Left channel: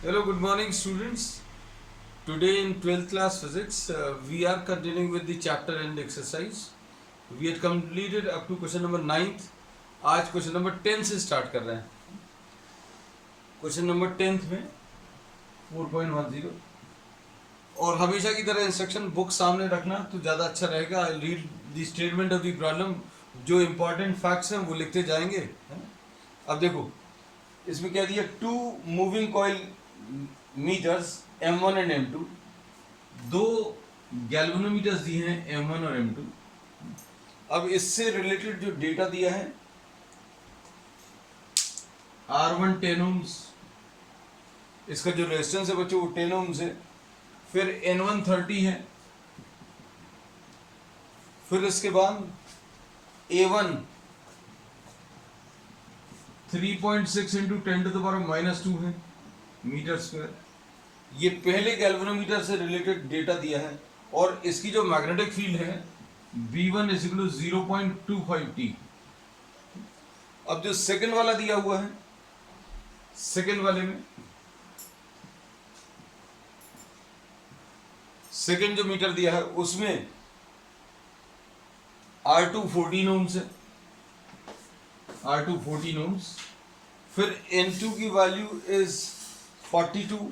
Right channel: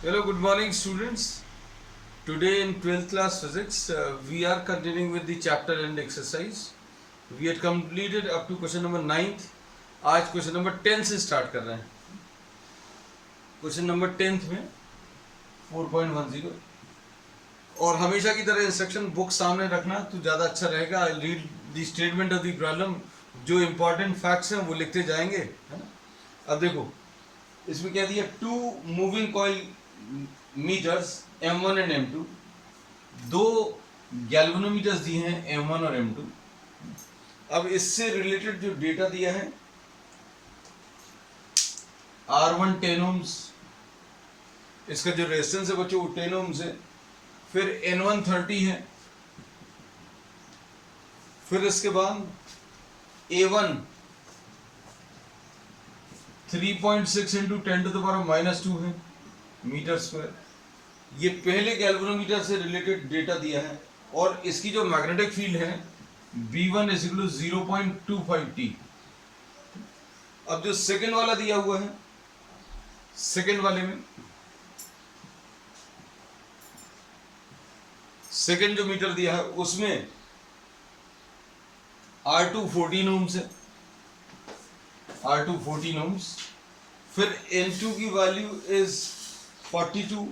Hello, good morning, students. Today in 12th class physics, we are continuing with the chapter and exercise. We had completed up to question number 9th. आज question number 10 से start कर रहे हैं. Question number 10th में 4.10 और हमेशा की तरह इंस्ट्रक्शन बुक सामने रखना तो ज़्यादा अच्छा रहेगा. I read the statement of the problem. जो इम्पोर्टेंट फैक्ट्स हैं वो लिखते जाएंगे, है ना. अब देखो इसमें क्या दिया, two moving coil meters M1 and M2, दो गैल्वेनोमीटर्स दिए हैं M1 और M2. अब इससे रिलेटेड जो डेटा दिया है, R1 10 ohms, इसका जो रेजिस्टेंस है बच्चों वो 10 ohms है. फिर N1 30 है. फिर इसके बाद A1 3.6 इंटू 10⁻⁻2 है मीटर स्क्वायर. ये पहले गैल्वेनोमीटर से रिलेटेड डेटा दिया है और इसकी जो मैग्नेटिक फील्ड है B1 = 0.25 T. अब जो सेकंड वाला दिया हुआ है, सेकंड वाले में सेकंड जो मीटर दिया है उसमें R2 14 ohms है, R2 14 ohms. फिर N2 की वैल्यू इज 42.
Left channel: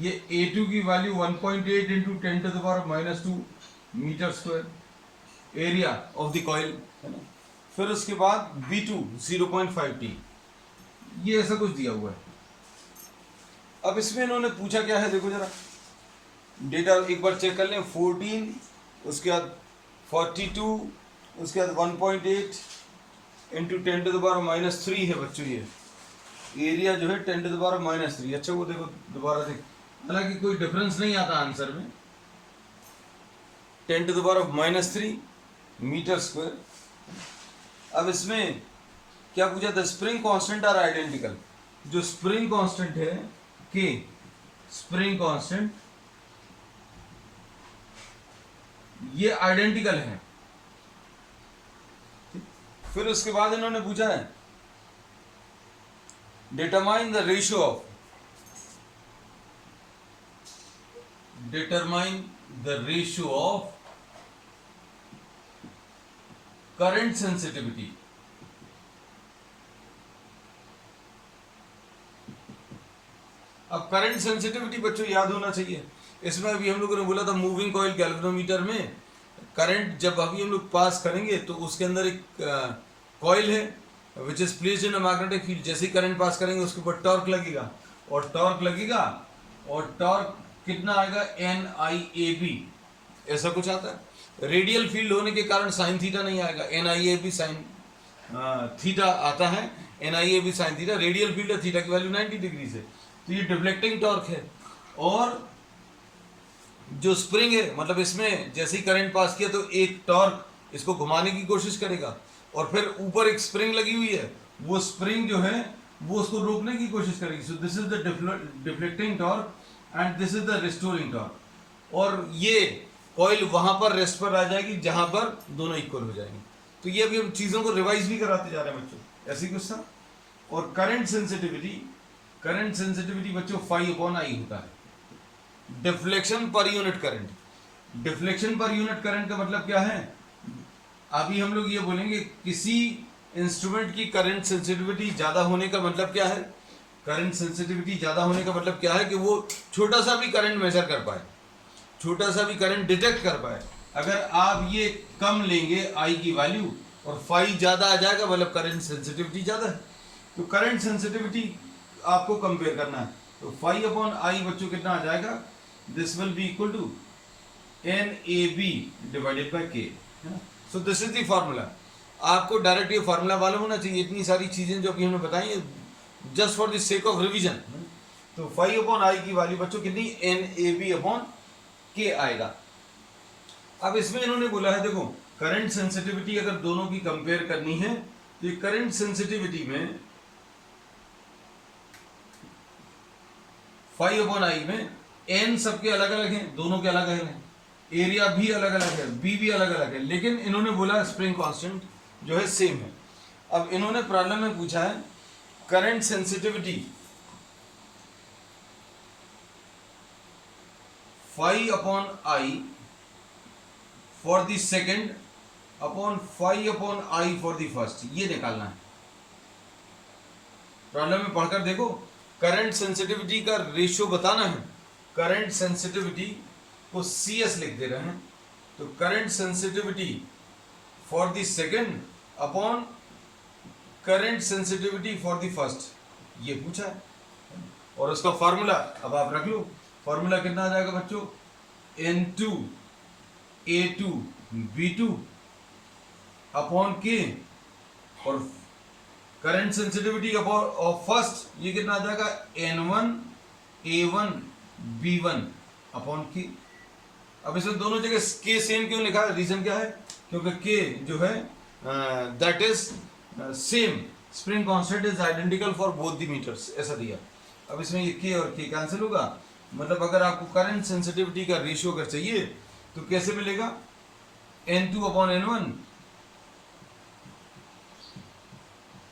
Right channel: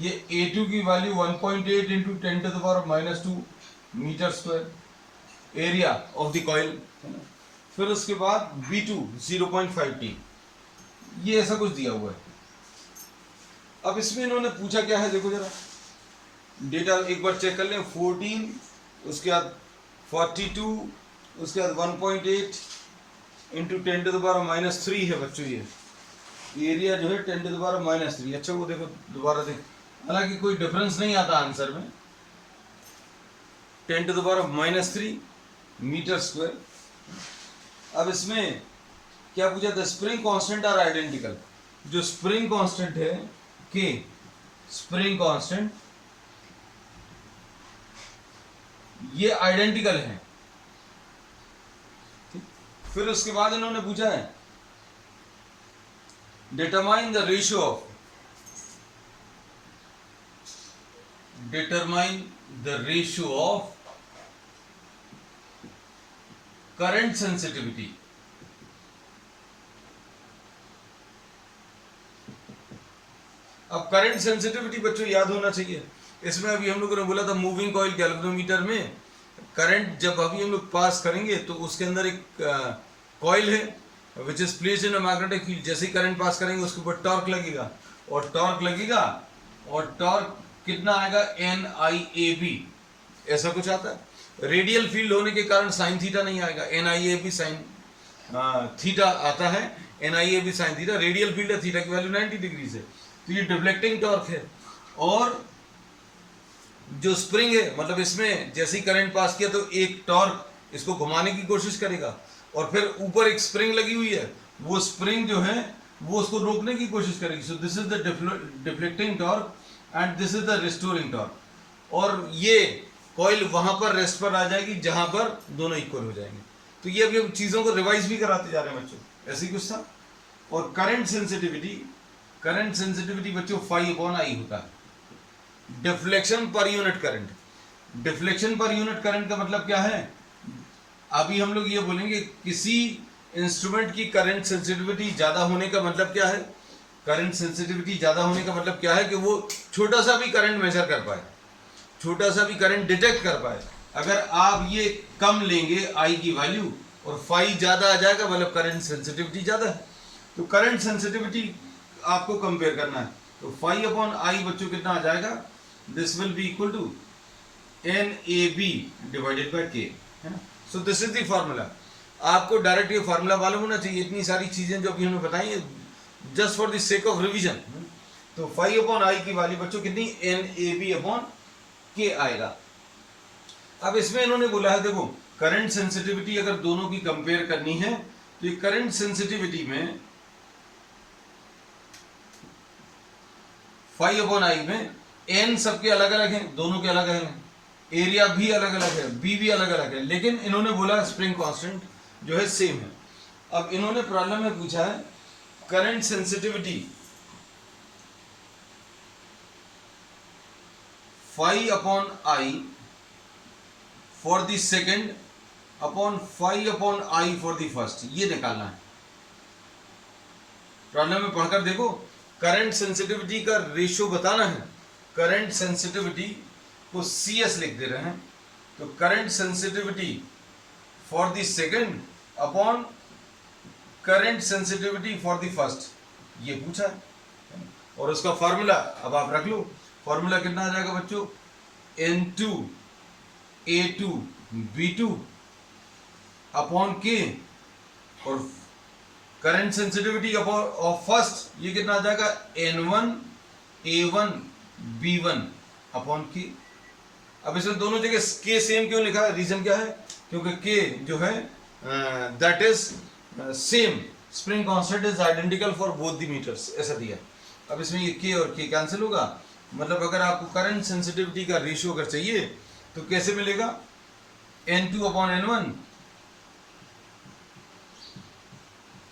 ये A2 की value 1.8 into 10⁻⁻2 meter square area of the coil. फिर उसके बाद B2 0.5 T. ये ऐसा कुछ दिया हुआ है. अब इसमें इन्होंने पूछा क्या है, देखो जरा डेटा एक बार चेक कर लें. 14, उसके बाद 42, उसके बाद 1.8 इंटू 10⁻⁻3 है बच्चों. ये एरिया जो है 10⁻⁻3. अच्छा वो देखो दोबारा देख, हालांकि कोई डिफरेंस नहीं आता आंसर में. 10⁻⁻3 मीटर स्क्वायर. अब इसमें क्या पूछा था, स्प्रिंग कांस्टेंट आर आइडेंटिकल. जो स्प्रिंग कांस्टेंट है के, स्प्रिंग कांस्टेंट ये आइडेंटिकल है. फिर उसके बाद इन्होंने पूछा है determine the ratio of, determine the ratio of current sensitivity. अब करंट सेंसिटिविटी बच्चों याद होना चाहिए. इसमें अभी हम लोगों ने बोला था मूविंग कॉइल गैल्वेनोमीटर में करंट जब अभी हम लोग पास करेंगे तो उसके अंदर एक कॉइल है which is placed in a magnetic field. जैसे ही करंट पास करेंगे उसके ऊपर टॉर्क लगेगा और टॉर्क लगेगा और टॉर्क कितना आएगा, NIAB ऐसा कुछ आता है. रेडियल फील्ड होने के कारण साइन थीटा नहीं आएगा, NIAB साइन थीटा आता है. NIAB sine theta radial field है, थीटा की वैल्यू 90 डिग्री है. तो ये डिफ्लेक्टिंग टॉर्क है. और जो स्प्रिंग है मतलब इसमें जैसे ही करंट पास किया तो एक टॉर्क इसको घुमाने की कोशिश करेगा और फिर ऊपर एक स्प्रिंग लगी हुई है, वो स्प्रिंग जो है वो उसको रोकने की कोशिश करेगी. सो this is the deflecting torque and this is the restoring torque. और ये कॉइल वहां पर रेस्ट पर आ जाएगी जहां पर दोनों इक्वल हो जाएंगे. तो ये अभी हम चीजों को रिवाइज भी कराते जा रहे हैं बच्चों, ऐसे ही कुछ था. और करंट सेंसिटिविटी बच्चों phi/I होता है. Deflection per unit current, deflection per unit current का मतलब क्या है, अभी हम लोग ये बोलेंगे किसी इंस्ट्रूमेंट की करंट सेंसिटिविटी ज्यादा होने का मतलब क्या है. करंट सेंसिटिविटी ज्यादा होने का मतलब क्या है कि वो छोटा सा भी करंट मेजर कर पाए, छोटा सा भी करंट डिटेक्ट कर पाए. अगर आप ये कम लेंगे I की वैल्यू और phi ज्यादा आ जाएगा मतलब करंट सेंसिटिविटी ज्यादा है. तो करंट सेंसिटिविटी आपको कंपेयर करना है. तो phi/I बच्चों कितना आ जाएगा, this will be equal to NAB divided by K, है ना. So this is the formula. आपको डायरेक्ट ये फॉर्मूला मालूम होना चाहिए. इतनी सारी चीजें जो अभी हमें बताई just for the sake of revision. तो phi/I की वैल्यू बच्चों कितनी, NAB/K आएगा. अब इसमें इन्होंने बोला है देखो करंट सेंसिटिविटी अगर दोनों की कंपेयर करनी है तो ये करंट सेंसिटिविटी में phi/I में n सबके अलग अलग हैं, दोनों के अलग अलग हैं, एरिया भी अलग अलग है, बी भी अलग अलग है, लेकिन इन्होंने बोला स्प्रिंग कांस्टेंट जो है सेम है. अब इन्होंने प्रॉब्लम में पूछा है current sensitivity phi upon I for the second upon phi upon I for the first, ये निकालना है। प्रॉब्लम में पढ़कर देखो, करंट सेंसिटिविटी का रेशियो बताना है। करंट सेंसिटिविटी को CS लिख दे रहे हैं, तो current sensitivity for the second upon current sensitivity for the first, ये पूछा है। और उसका फॉर्मूला अब आप रख लो। फॉर्मूला कितना आ जाएगा बच्चों? N2 A2 B2 upon K, और करंट सेंसिटिविटी ऑफ फर्स्ट ये कितना आ जाएगा? N1 A1 B1 upon K। अब इसमें दोनों जगह K सेम क्यों लिखा है? रीजन क्या है? क्योंकि K जो है that is same, spring constant is identical for both the meters, ऐसा दिया। अब इसमें ये K और K कैंसिल होगा, मतलब अगर आपको करंट सेंसिटिविटी का रेशियो अगर चाहिए तो कैसे मिलेगा? N2 upon N1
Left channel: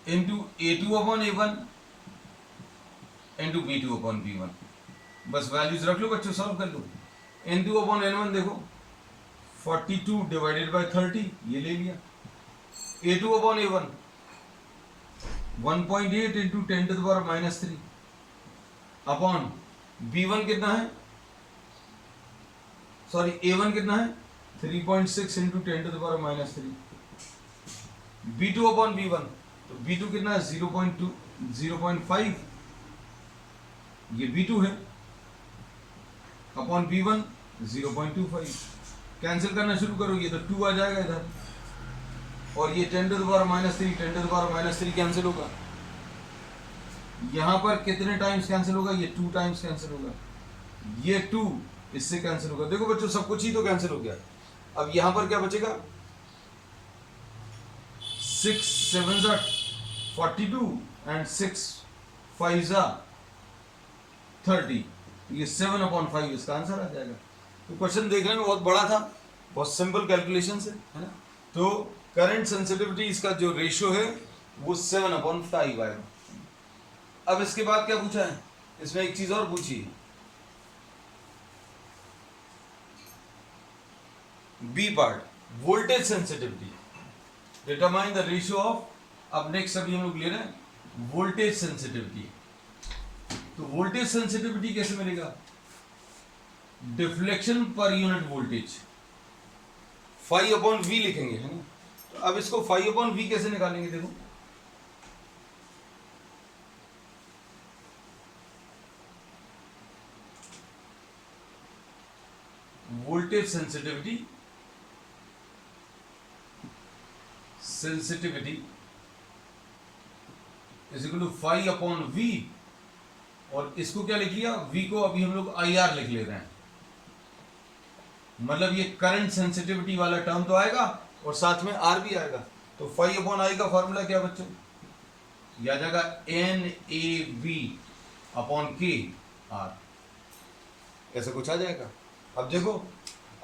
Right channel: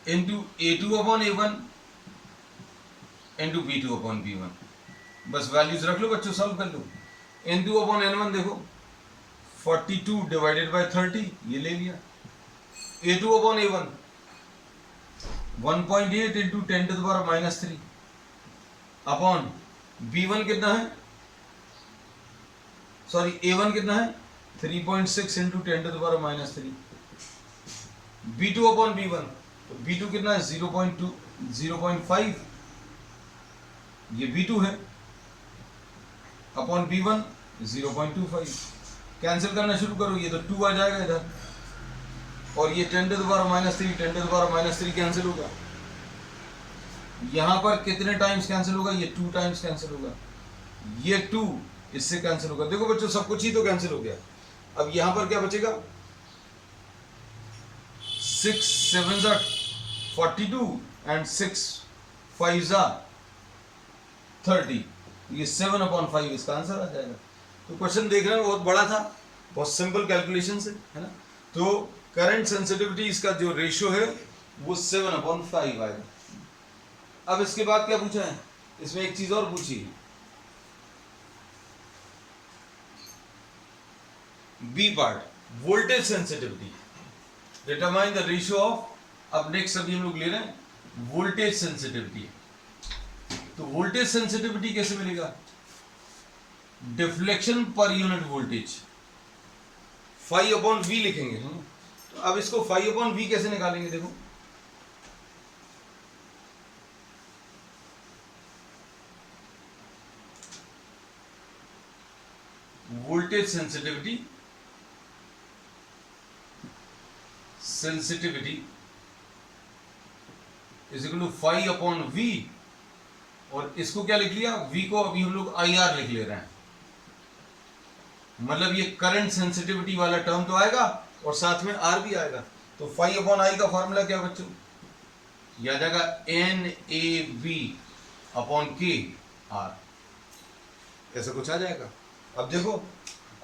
into A2 upon A1 into B2 upon B1। बस वैल्यूज रख लो बच्चों, सॉल्व कर लो। N2 अपॉन N1 देखो 42 डिवाइडेड बाय 30, ये ले लिया। A2 upon A1 1.8 into 10⁻³ upon B1 कितना है? सॉरी A1 कितना है? 3.6 इंटू 10⁻³ B2 अपॉन B1, तो B2 कितना है? 0.2 0.5, ये B2 है, अपॉन B1 0.25। कैंसिल करना शुरू करो, ये तो 2 आ जाएगा इधर, और ये 10⁻³ कैंसिल होगा। यहां पर कितने टाइम्स कैंसिल होगा? ये 2 टाइम्स कैंसिल होगा, ये 2 इससे कैंसिल होगा। देखो बच्चों सब कुछ ही तो कैंसिल हो गया। अब यहां पर क्या बचेगा? 6 7 42 एंड 6 5 30, ये 7/5 इसका आंसर आ जाएगा। तो क्वेश्चन देखने में बहुत बड़ा था, बहुत सिंपल कैलकुलेशन है ना। तो करंट सेंसिटिविटी इसका जो रेशियो है वो 7/5 आएगा। अब इसके बाद क्या पूछा है? इसमें एक चीज और पूछी, B part, voltage sensitivity, determine the ratio of. अब नेक्स्ट अभी हम लोग ले रहे हैं वोल्टेज सेंसिटिविटी। तो वोल्टेज सेंसिटिविटी कैसे मिलेगा? Deflection per unit voltage, phi upon V लिखेंगे, है ना। तो अब इसको फाई अपॉन वी कैसे निकालेंगे? देखो voltage sensitivity is equal to phi upon V, और इसको क्या लिख लिया? वी को अभी हम लोग IR लिख ले रहे हैं, मतलब ये करंट सेंसिटिविटी वाला टर्म तो आएगा और साथ में R भी आएगा। तो फाई अपॉन I का फॉर्मूला क्या बच्चों? ये आ जाएगा NAV अपॉन KR, ऐसा कुछ आ जाएगा। अब देखो,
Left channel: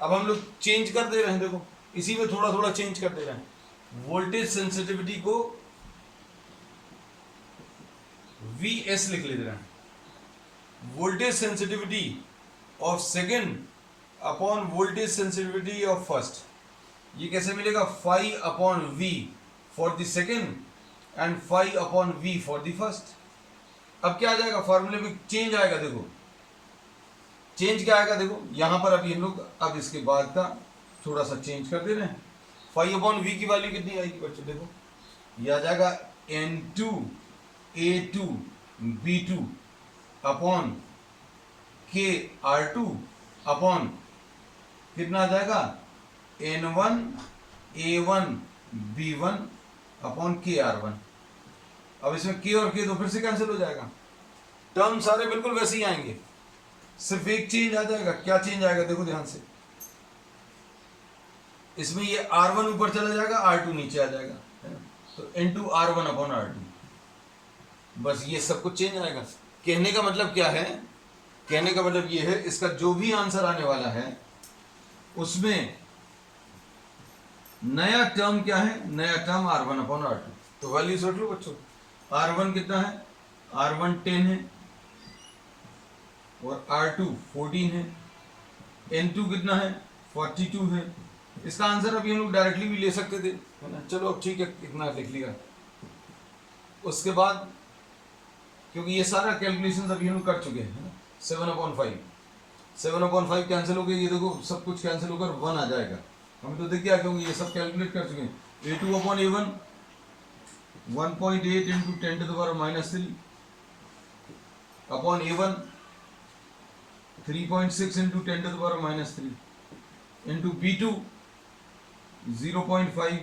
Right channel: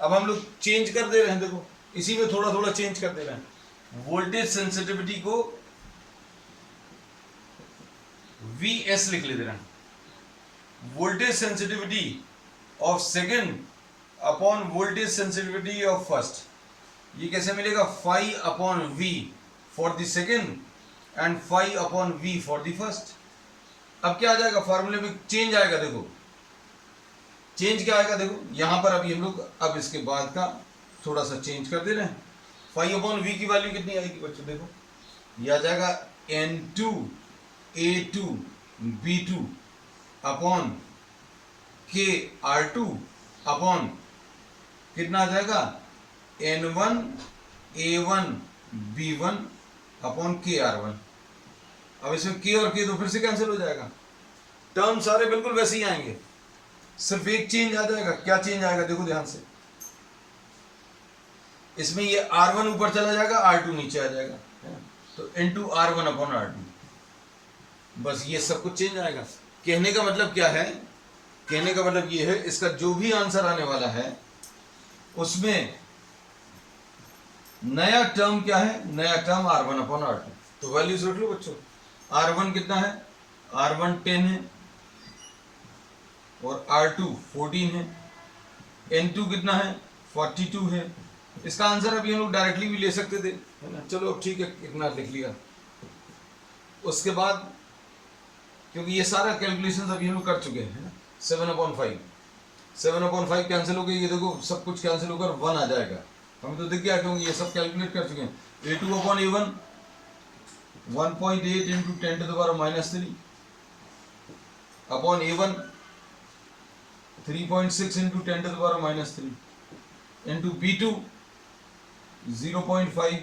अब हम लोग चेंज कर दे रहे हैं, देखो इसी में थोड़ा थोड़ा चेंज कर दे रहे हैं। वोल्टेज सेंसिटिविटी को VS लिख ले दे रहे हैं, voltage sensitivity of second upon voltage sensitivity of first, ये कैसे मिलेगा? Phi upon V for the second and phi upon V for the first. अब क्या आ जाएगा? फॉर्मूले में चेंज आएगा, देखो चेंज क्या आएगा? देखो यहां पर अभी हम लोग अब इसके बाद का थोड़ा सा चेंज कर दे रहे हैं। फाई अपॉन V की वैल्यू कितनी आएगी बच्चों? देखो ये आ जाएगा N2 A2 B2 upon KR2 upon कितना आ जाएगा? N1 A1 B1 upon KR1। अब इसमें K और K तो फिर से कैंसिल हो जाएगा, टर्म सारे बिल्कुल वैसे ही आएंगे, सिर्फ एक चेंज आ जाएगा। क्या चेंज आएगा? देखो ध्यान से, इसमें ये R1 ऊपर चला जाएगा, R2 नीचे आ जाएगा, है ना। तो इनटू R1 अपॉन R2, बस ये सब कुछ चेंज आएगा। कहने का मतलब क्या है? कहने का मतलब ये है, इसका जो भी आंसर आने वाला है उसमें नया टर्म क्या है? नया टर्म R1 अपॉन R2। तो वैल्यूज रख लो बच्चों। R1 कितना है, R1 10 है और R2 14 है, N2 कितना है 42 है। इसका आंसर अभी हम लोग डायरेक्टली भी ले सकते थे, है ना। चलो अब ठीक है, इतना लिख लिया। उसके बाद क्योंकि ये सारा कैलकुलेशन अभी हम लोग कर चुके हैं, 7/5 7/5 कैंसिल हो गई, ये देखो सब कुछ कैंसिल होकर 1 आ जाएगा, हमें तो दिख गया क्योंकि ये सब कैलकुलेट कर चुके हैं। A2/A1 1.8 into 10⁻³ upon A1 3.6 into 10⁻³ into B2 0.5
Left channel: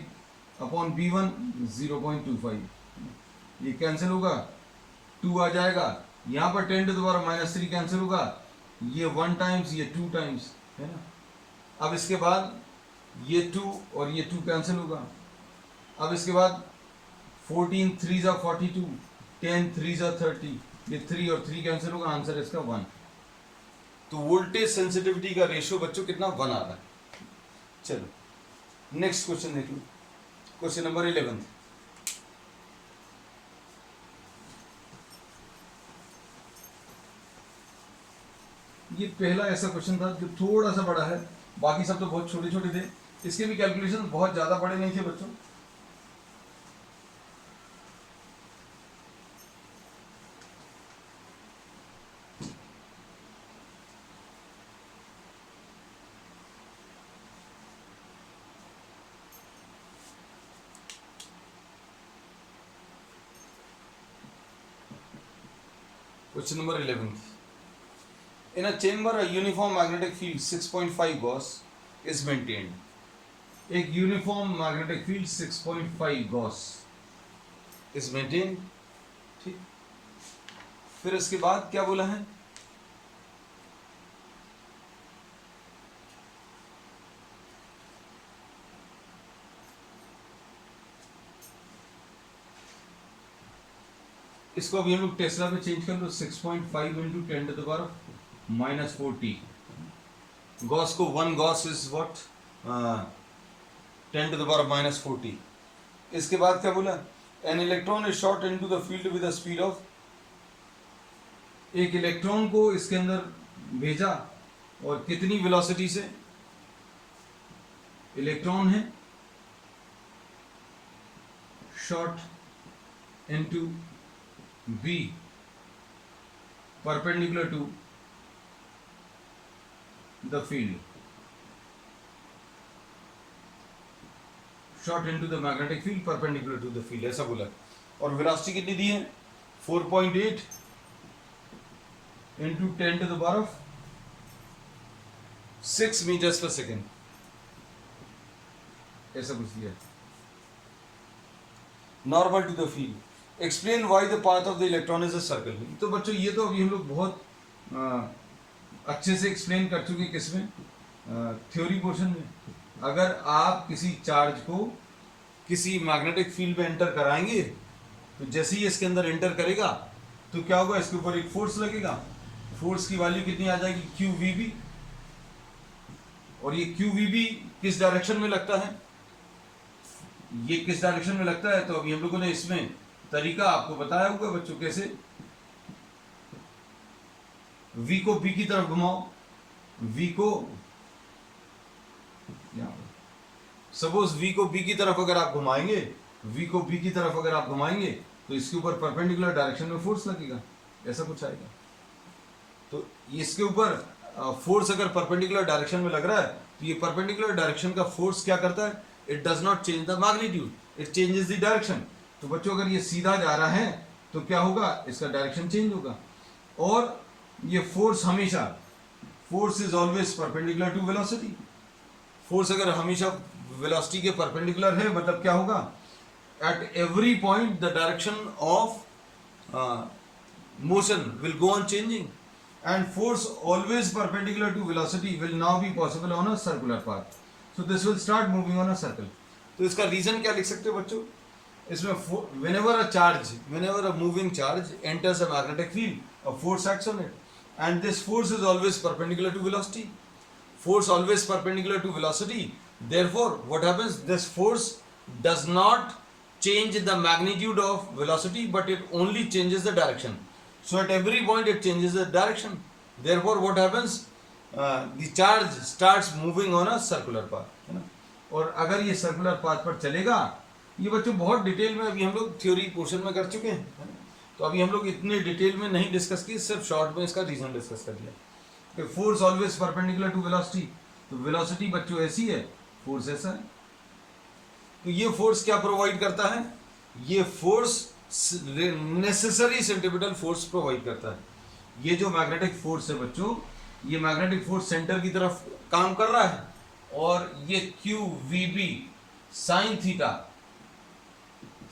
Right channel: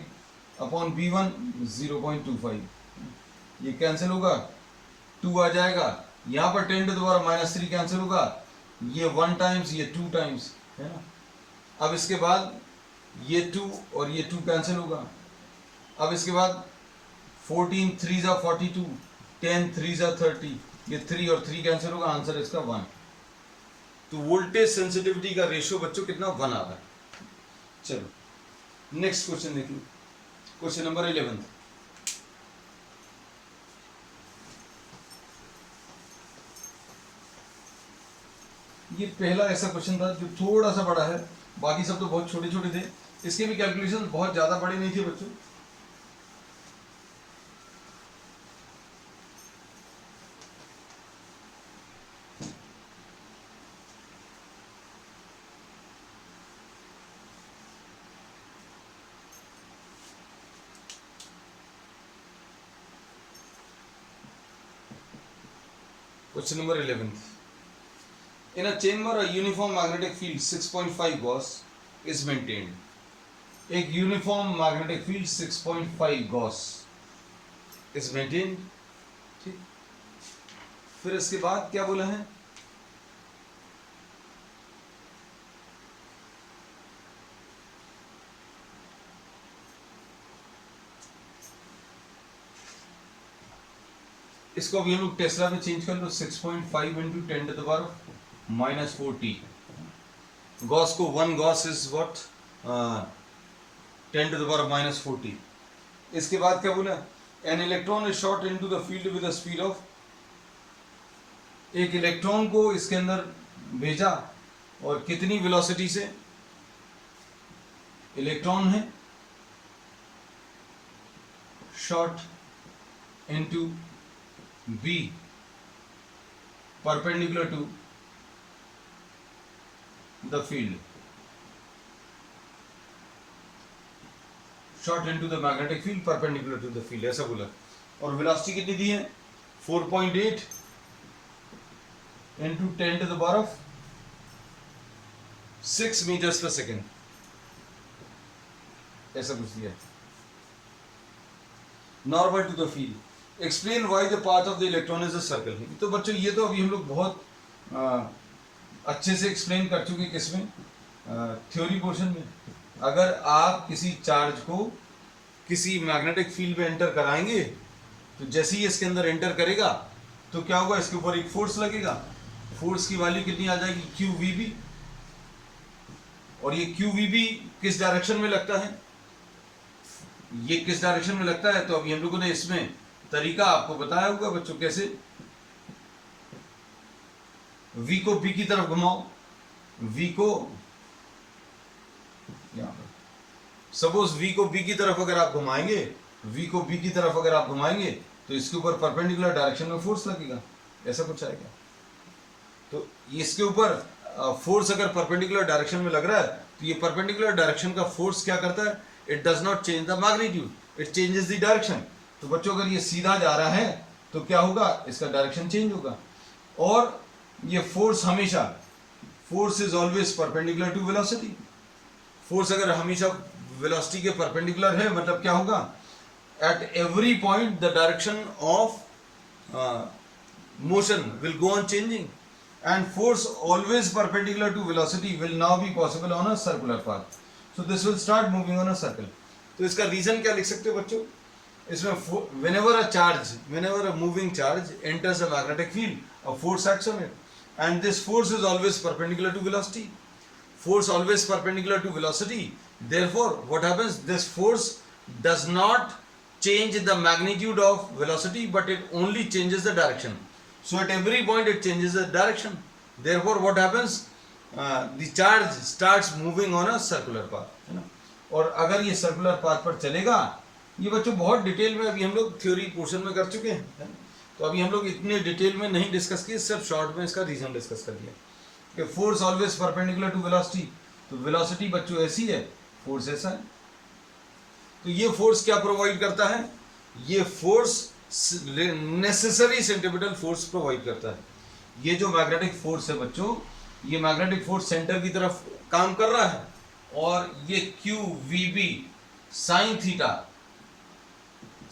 upon B1 0.25, ये कैंसिल होगा, 2 आ जाएगा। यहाँ पर 10⁻³ कैंसिल होगा, ये 1 टाइम्स ये 2 टाइम्स, है ना। अब इसके बाद ये 2 और ये 2 कैंसिल होगा। अब इसके बाद 14 3 42, 10 3 30, ये 3 और 3 कैंसिल होगा, आंसर इसका 1। तो वोल्टेज सेंसिटिविटी का रेशियो बच्चों कितना 1 आ रहा है। चलो नेक्स्ट क्वेश्चन देख लो, क्वेश्चन नंबर 11। ये पहला ऐसा क्वेश्चन था जो थोड़ा सा बड़ा है, बाकी सब तो बहुत छोटे छोटे थे, इसके भी कैलकुलेशन बहुत ज्यादा बड़े नहीं थे बच्चों। Question number 11. In a chamber, a uniform magnetic field 6.5 Gauss is maintained. एक uniform magnetic field 6.5 Gauss is maintained. ठीक, फिर इसके बाद क्या बोला है, इसको अभी हम लोग टेस्ला में चेंज कर लो, 6.5 इंटू 10⁻⁻40। गॉस को 1 गॉस इज व्हाट 10⁻⁻40। इसके बाद क्या बोला, an electron is shot into the field with the speed of, एक इलेक्ट्रॉन को इसके अंदर भेजा और कितनी वेलोसिटी से, इलेक्ट्रॉन है shot into B perpendicular to the field, shot into the magnetic field perpendicular to the field, ऐसा बोला। और वेलोसिटी कितनी दी है 4.8 इंटू 10⁻6 मीटर्स पर सेकेंड, ऐसा कुछ दिया। Normal to the field, explain why the path of the electron is a circle. तो बच्चों ये तो अभी हम लोग बहुत अच्छे से एक्सप्लेन कर चुके हैं, किसमें, थ्योरी पोर्शन में। अगर आप किसी चार्ज को किसी मैग्नेटिक फील्ड में एंटर कराएंगे तो जैसे ही इसके अंदर एंटर करेगा तो क्या होगा, इसके ऊपर एक फोर्स लगेगा, फोर्स की वैल्यू कितनी आ जाएगी QVB, और ये QVB किस डायरेक्शन में लगता है, ये किस डायरेक्शन में लगता है, तो अभी हम लोगों ने इसमें तरीका आपको बताया होगा बच्चों, कैसे V को B की तरफ घुमाओ, V को यहां पर सपोज V को B की तरफ अगर आप घुमाएंगे, V को B की तरफ अगर आप घुमाएंगे तो इसके ऊपर परपेंडिकुलर डायरेक्शन में फोर्स लगेगा, ऐसा कुछ आएगा। तो इसके ऊपर फोर्स अगर परपेंडिकुलर डायरेक्शन में लग रहा है तो ये परपेंडिकुलर डायरेक्शन का फोर्स क्या करता है, it does not change the magnitude, it changes the direction. तो बच्चों अगर ये सीधा जा रहा है तो क्या होगा, इसका डायरेक्शन चेंज होगा। और ये फोर्स हमेशा, force is always perpendicular to velocity, force अगर हमेशा वेलोसिटी के परपेंडिकुलर है मतलब क्या होगा, at every point the direction of motion will go on changing, and force always perpendicular to velocity will now be possible on a circular path, so this will start moving on a circle. तो इसका reason क्या लिख सकते हो बच्चों, इसमें whenever a moving charge enters a magnetic field, a force acts on it, and this force is always perpendicular to velocity. Force always perpendicular to velocity. Therefore, what happens? This force does not change the magnitude of velocity, but it only changes the direction. So at every point it changes the direction. Therefore what happens, the charge starts moving on a circular path, है ना. और अगर ये circular path पर चलेगा, ये बच्चों बहुत डिटेल में अभी हम लोग थ्योरी पोर्शन में कर चुके हैं, है ना? तो अभी हम लोग इतने डिटेल में नहीं डिस्कस किए, सिर्फ शॉर्ट में इसका रीजन डिस्कस कर दिया कि force always perpendicular to velocity. तो वेलोसिटी बच्चों ऐसी है, फोर्स ऐसा है. तो ये फोर्स क्या प्रोवाइड करता है? ये force necessary centripetal force provide करता है. ये जो मैग्नेटिक फोर्स है बच्चों, ये मैग्नेटिक फोर्स सेंटर की तरफ काम कर रहा है, और ये Q V B sine theta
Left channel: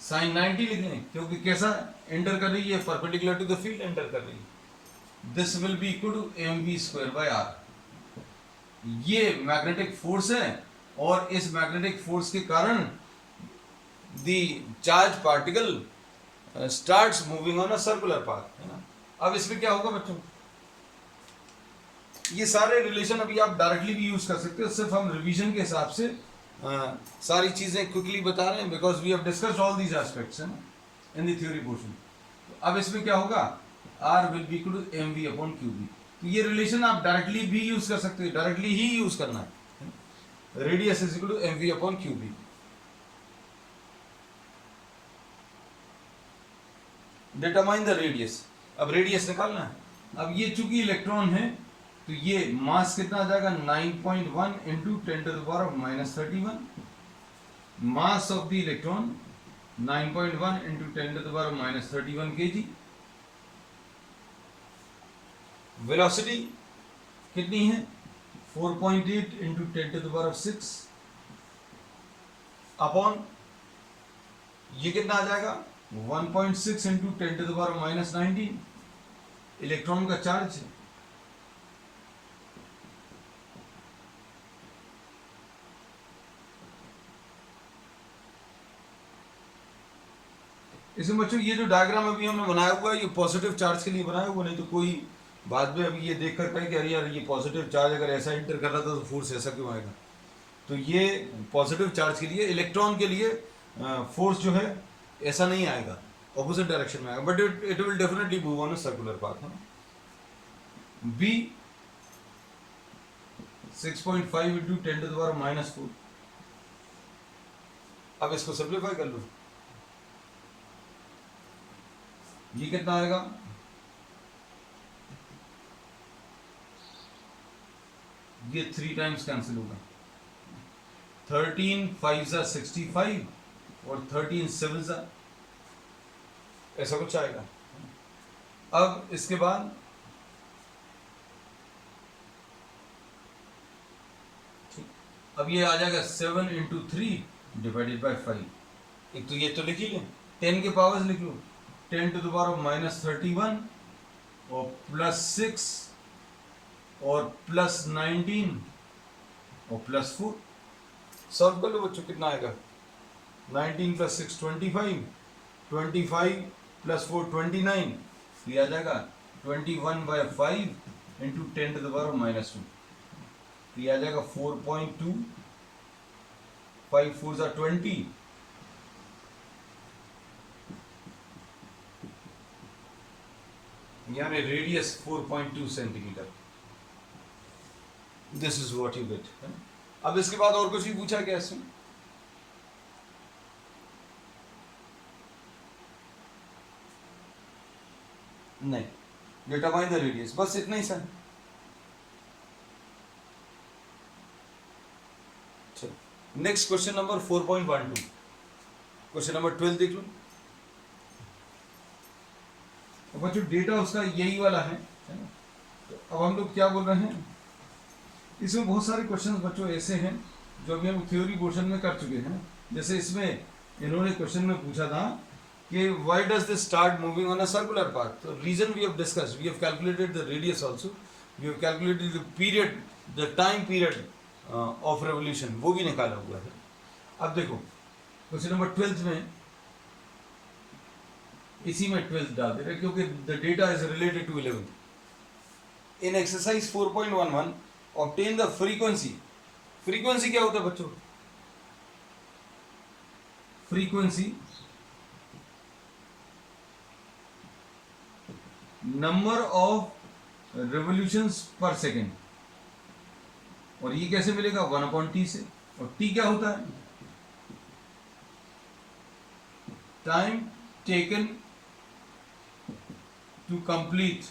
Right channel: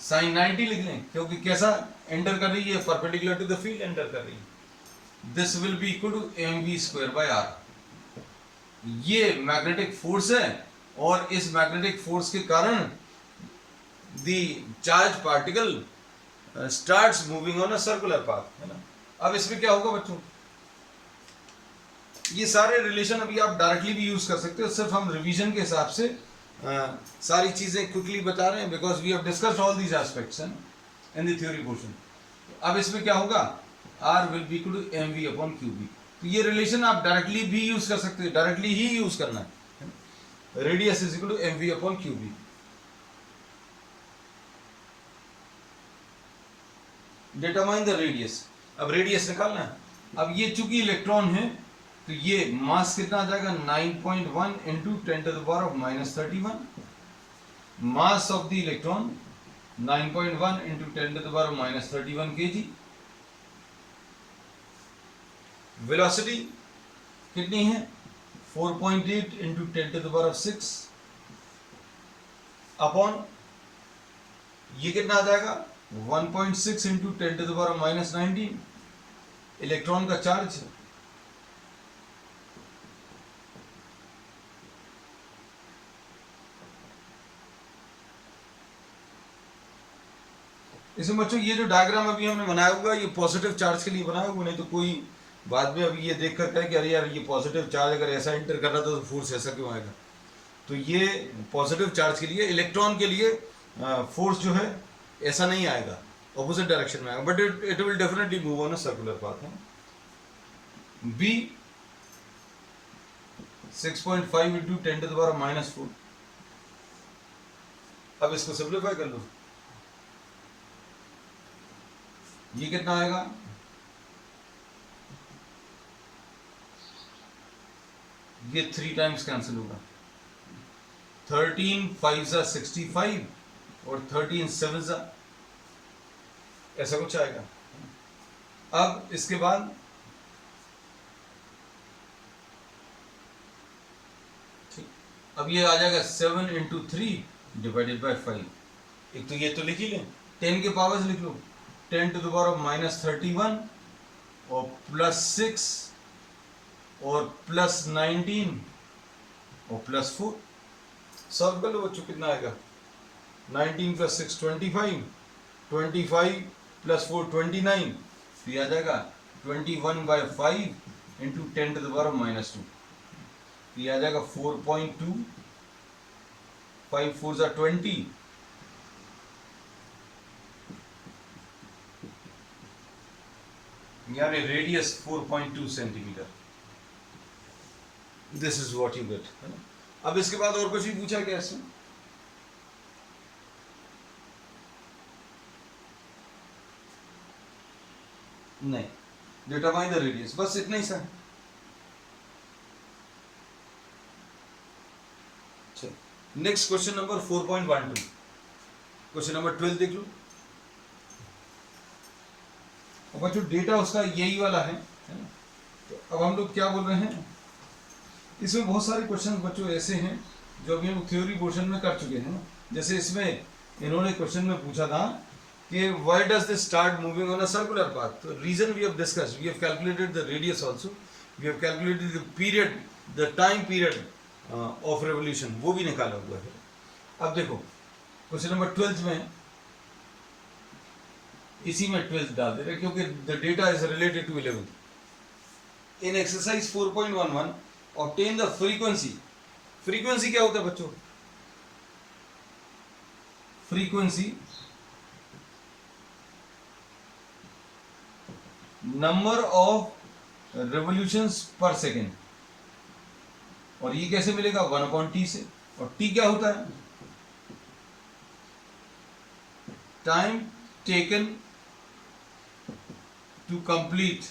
sine 90 लिख लें, क्योंकि कैसा एंटर कर रही है, perpendicular to the field enter कर रही है. This will be equal to M V square by R. ये मैग्नेटिक फोर्स है, और इस मैग्नेटिक फोर्स के कारण the charge particle starts moving on a circular path, है ना. अब इसमें क्या होगा बच्चों, ये सारे रिलेशन अभी आप डायरेक्टली भी यूज कर सकते हो, सिर्फ हम रिवीजन के हिसाब से सारी चीजें क्विकली बता रहे हैं, because we have discussed all these aspects in the theory portion. अब इसमें क्या होगा, R will be equal to M V upon Q B. तो ये रिलेशन आप डायरेक्टली भी यूज कर सकते हो, डायरेक्टली ही यूज करना है. Radius is equal to M V upon Q B. Determine the radius. अब रेडियस निकालना है. अब ये चूंकि इलेक्ट्रॉन है, तो ये मास कितना आ जाएगा, 9.1 into 10 to the power of -31. Mass of the electron 9.1 into 10 to the power of -31 kg. Velocity कितनी है, 4.8 into 10 to the power of 6 upon ये कितना आ जाएगा, 1.6 into 10 to the power of -19 electron का चार्ज. इसमें बच्चों ये जो डायग्राम अभी हमने बनाया हुआ है, ये पॉजिटिव चार्ज के लिए बनाया हुआ, नहीं तो कोई बाद में अभी ये देख कर कहे कि अरे यार ये पॉजिटिव चार्ज अगर ऐसा इंटर कर रहा था तो फोर्स ऐसा क्यों आएगा. तो ये पॉजिटिव चार्ज के लिए, इलेक्ट्रॉन के लिए फोर्स जो है ऐसा नहीं आएगा, ऑपोजिट डायरेक्शन में आएगा, but it will definitely move on a circular path. B 6.5 into 10 to the power -4. अब इसको सिंप्लीफाई कर लो, ये कितना आएगा, ये 3 टाइम्स कैंसिल होगा. 13 5 65 और 13 7 ऐसा कुछ आएगा. अब इसके बाद ठीक, अब ये आ जाएगा 7 इंटू 3 डिवाइडेड बाई 5. एक तो ये तो लिख ही लें, 10 के पावर्स लिख लो, 10 टू द पावर ऑफ -31 और +6 और +19 और +4. सॉल्व कर लो बच्चों, कितना आएगा, 19 + 6 25, 25 + 4 29. तो ये आ जाएगा 21/5 into 10 to the power of -2. तो ये आ जाएगा 4.2, 5 4 20, यानी radius 4.2 centimetre. This is what you get. अब इसके बाद और कुछ भी पूछा क्या इसमें, नहीं. डिटरमाइन द रेडियस, बस इतना ही sir. Next question number 4.12. Question number 12 देख लो. अब बच्चों डेटा उसका यही वाला है ना. तो अब हम लोग क्या बोल रहे हैं, इसमें बहुत सारे क्वेश्चन बच्चों ऐसे हैं जो अभी हम थ्योरी पोर्शन में कर चुके हैं ना. जैसे इसमें इन्होंने क्वेश्चन में पूछा था कि why does this start moving on a circular path. तो reason we have discussed, we have calculated the radius also, we have calculated the period, the time period of revolution, वो भी निकाला हुआ है. अब देखो क्वेश्चन नंबर 12 में, इसी में 12 डाल दे रहे क्योंकि the data is related to 11. In exercise 4.11 obtain the frequency. Frequency क्या होता है बच्चों, frequency number of revolutions per second, और ये कैसे मिलेगा 1/t से, और t क्या होता है time taken to complete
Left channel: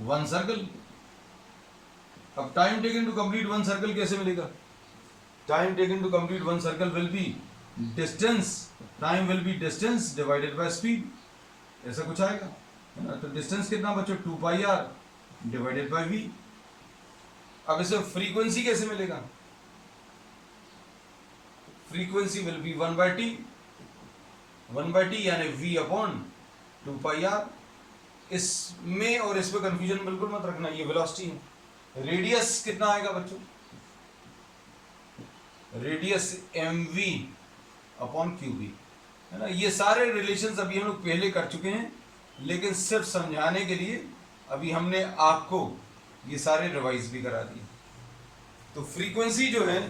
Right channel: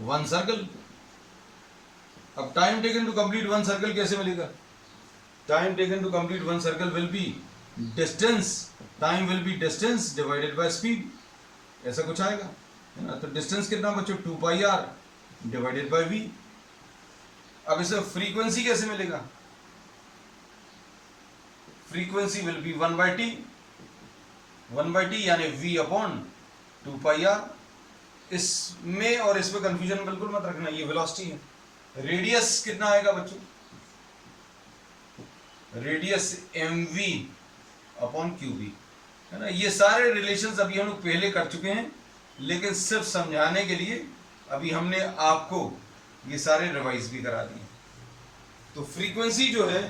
one circle. अब time taken to complete one circle कैसे मिलेगा, time taken to complete one circle will be distance, time will be distance divided by speed, ऐसा कुछ आएगा है ना। तो डिस्टेंस कितना बच्चों 2πr डिवाइडेड बाय v। अब इसे फ्रीक्वेंसी कैसे मिलेगा, frequency will be 1/t, 1/t यानी v अपॉन 2πr। इसमें और इसमें कंफ्यूजन बिल्कुल मत रखना, ये वेलोसिटी है। रेडियस कितना आएगा बच्चों, रेडियस mv अपॉन qb, है ना। ये सारे रिलेशंस अभी हम लोग पहले कर चुके हैं, लेकिन सिर्फ समझाने के लिए अभी हमने आपको ये सारे रिवाइज भी करा दिए। तो फ्रीक्वेंसी जो है,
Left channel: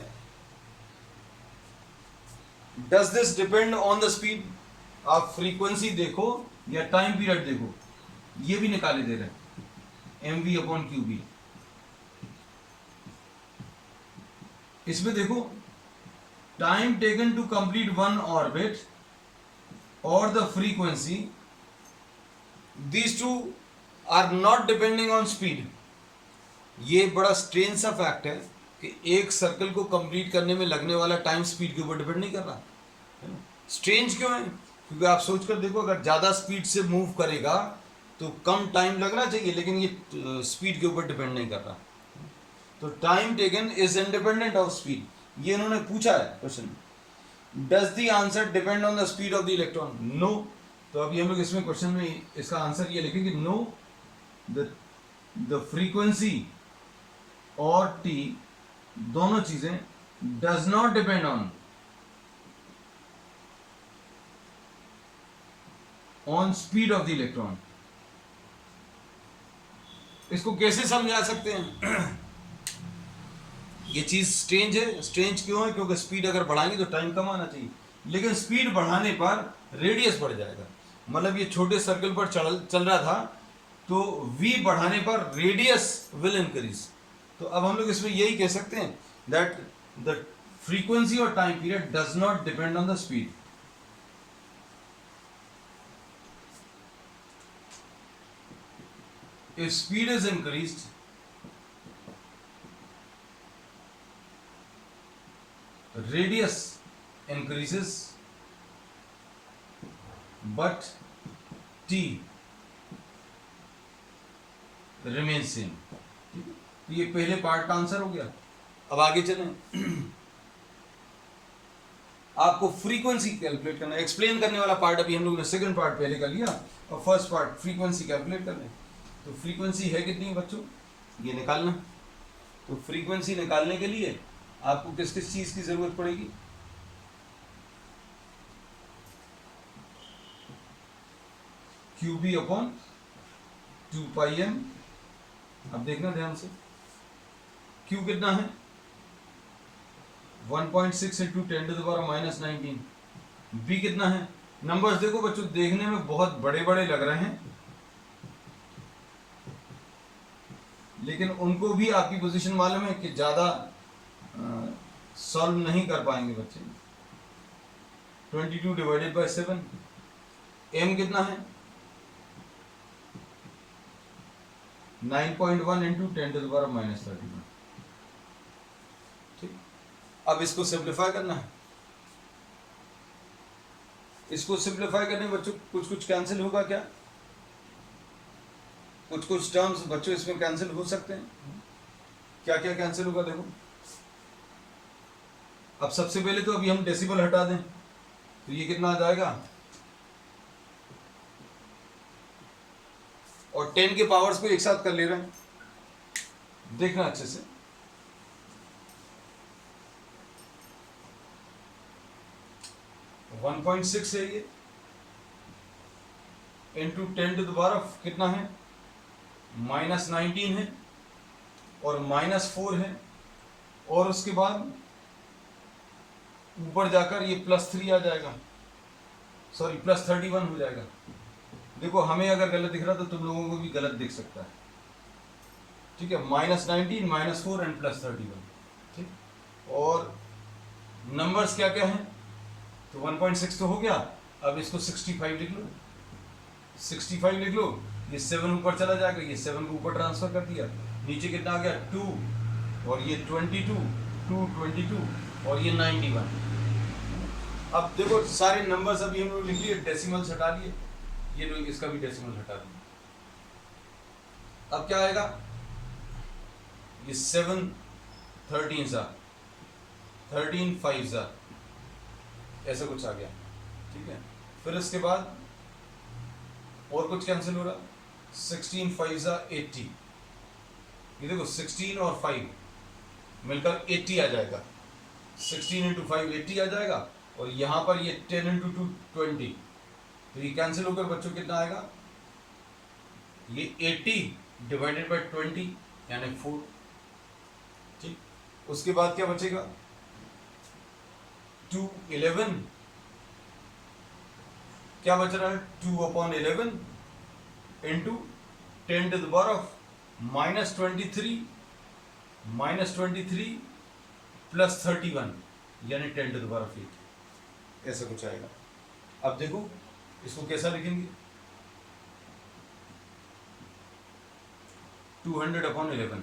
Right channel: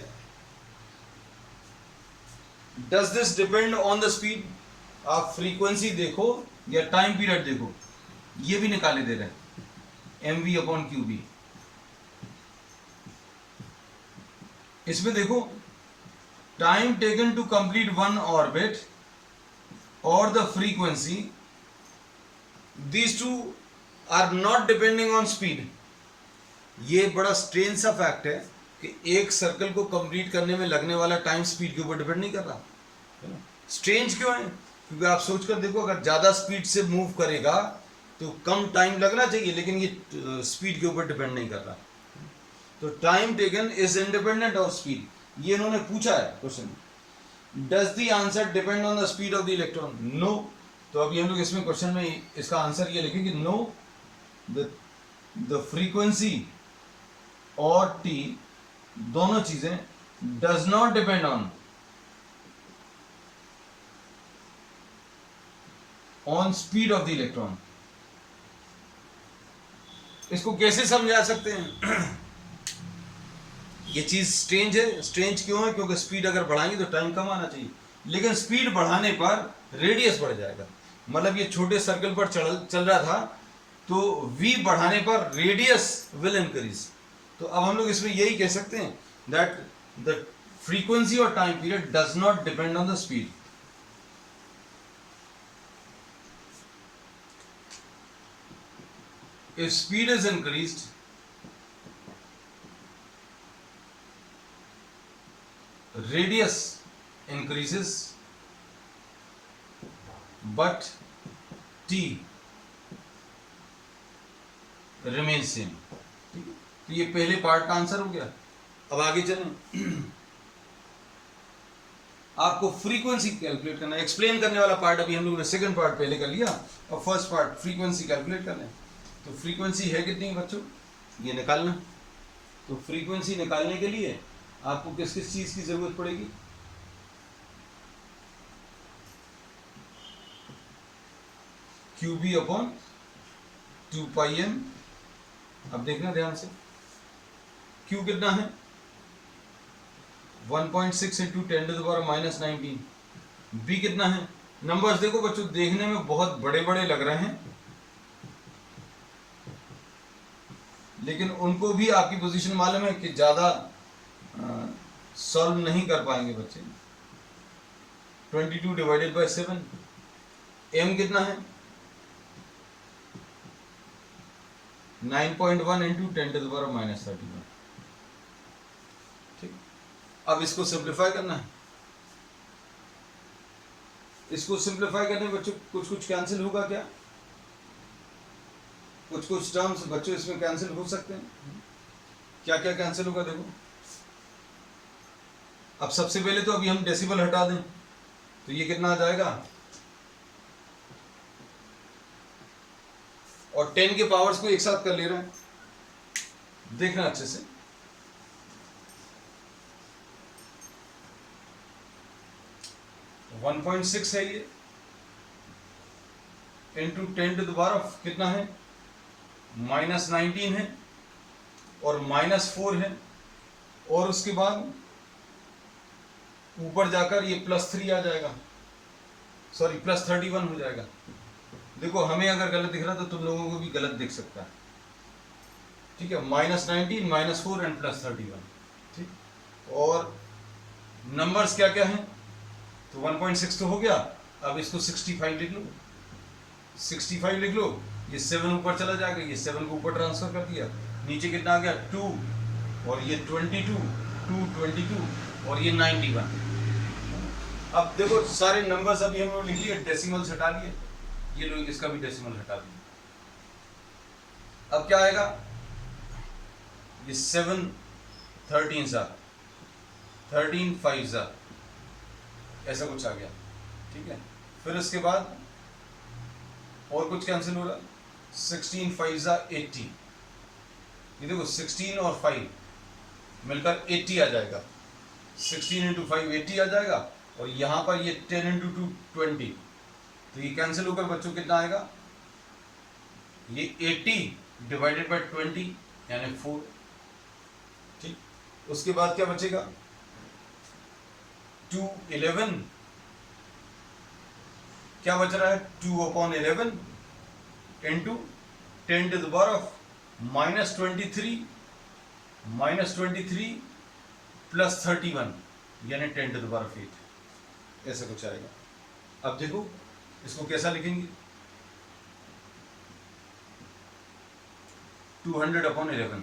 does this depend on the speed, आप फ्रीक्वेंसी देखो या टाइम पीरियड देखो, ये भी निकाले दे रहे हैं mv अपॉन qb। इसमें देखो time taken to complete one orbit और the frequency, these two are not depending on speed. ये बड़ा स्ट्रेंज सा फैक्ट है कि एक सर्कल को कंप्लीट करने में लगने वाला टाइम स्पीड के ऊपर डिपेंड नहीं कर रहा। स्ट्रेंज क्यों है, क्योंकि आप सोचकर देखो अगर ज़्यादा स्पीड से मूव करेगा तो कम टाइम लगना चाहिए, लेकिन ये स्पीड के ऊपर डिपेंड नहीं कर रहा। तो time taken is independent of speed, ये इन्होंने पूछा है question. Does the answer depend on the speed of the electron, no. तो अभी हम लोग इसमें क्वेश्चन में इसका आंसर ये लिखेंगे नो, द फ्रीक्वेंसी और टी दोनों चीजें does not depend on speed of the electron. इसको कैसे समझा सकते हैं ये चीज स्ट्रेंज है। स्ट्रेंज क्यों है, क्योंकि स्पीड अगर बढ़ाएंगे तो टाइम कम आना चाहिए, लेकिन स्पीड बढ़ाने पर रेडियस बढ़ जाएगा। मतलब ये छोटे सर्कल पर चल रहा था, तो v बढ़ाने पर रेडियस विल इंक्रीज। तो अब हम लोग इसमें यही कह सकते हैं दैट द फ्रीक्वेंसी और time period does not depend on the speed. If speed is increased, radius increases, but t remains same। तो ये पहले पार्ट का आंसर हो गया। अब आगे चलें, आपको फ्रीक्वेंसी कैलकुलेट करना, एक्सप्लेन करने वाला पार्ट अभी हम लोगों ने सेकंड पार्ट पहले कर लिया, और फर्स्ट पार्ट फ्रीक्वेंसी कैलकुलेट कर लें। तो फ्रीक्वेंसी है कितनी बच्चों, ये निकालना। तो फ्रीक्वेंसी निकालने के लिए आपको किस किस चीज की जरूरत पड़ेगी, QB अपॉन 2πm। अब देखना ध्यान से, Q कितना है 1.6 इंटू 10⁻⁻19। B कितना है, नंबर्स देखो बच्चों, देखने में बहुत बड़े बड़े लग रहे हैं, लेकिन उनको भी आपकी पोजीशन मालूम है कि ज़्यादा सॉल्व नहीं कर पाएंगे बच्चे। 22 डिवाइडेड बाय 7। m कितना है 9.1 इंटू 10⁻⁻31। ठीक, अब इसको सिंप्लीफाई करना है। इसको सिंप्लीफाई करने में बच्चों कुछ कुछ कैंसिल होगा क्या, कुछ कुछ टर्म्स बच्चों इसमें कैंसिल हो सकते हैं। क्या क्या कैंसिल होगा देखो। अब सबसे पहले तो अभी हम डेसिबल हटा दें, तो ये कितना आ जाएगा, और 10 के पावर्स को एक साथ कर ले रहे हैं, देखना अच्छे से। वन 1.6 है ये, इंटू 10⁻⁻ कितना है -19 है, और -4 है, और उसके बाद ऊपर जाकर ये +3 आ जाएगा, सॉरी +31 हो जाएगा। देखो हमें अगर गलत दिख रहा तो तुम लोगों को भी गलत दिख सकता है, ठीक है। -19 -4 एंड +31, ठीक। और नंबर्स क्या क्या हैं, तो 1.6 तो हो गया। अब इसको 65 लिख लो, 65 लिख लो। ये 7 ऊपर चला जाएगा, ये 7 को ऊपर ट्रांसफर कर दिया। नीचे कितना आ गया 2, और ये 22, 2 22 और ये 91। अब देखो सारे नंबर्स अभी हम लोग लिख लिए, डेसिमल्स हटा लिए, ये लोग इसका भी डेसिमल हटा दिए। अब क्या आएगा, ये 7 13 सा 13 5 सा ऐसा कुछ आ गया, ठीक है। फिर इसके बाद और कुछ कैंसिल हो रहा, 16 5 सा 80, ये देखो 16 और 5 मिलकर 80 आ जाएगा। 16 इंटू 5 80 आ जाएगा, और यहाँ पर ये 10 इंटू 2 20, तो ये कैंसिल होकर बच्चों कितना आएगा, ये 80 डिवाइडेड बाय 20 यानी 4, ठीक। उसके बाद क्या बचेगा, 2 11, क्या बच रहा है 2/11 into 10 to the power of -23 plus 31 यानी 10 टू द पावर ऑफ 8, ऐसे कुछ आएगा। अब देखो इसको कैसा लिखेंगे, 200/11,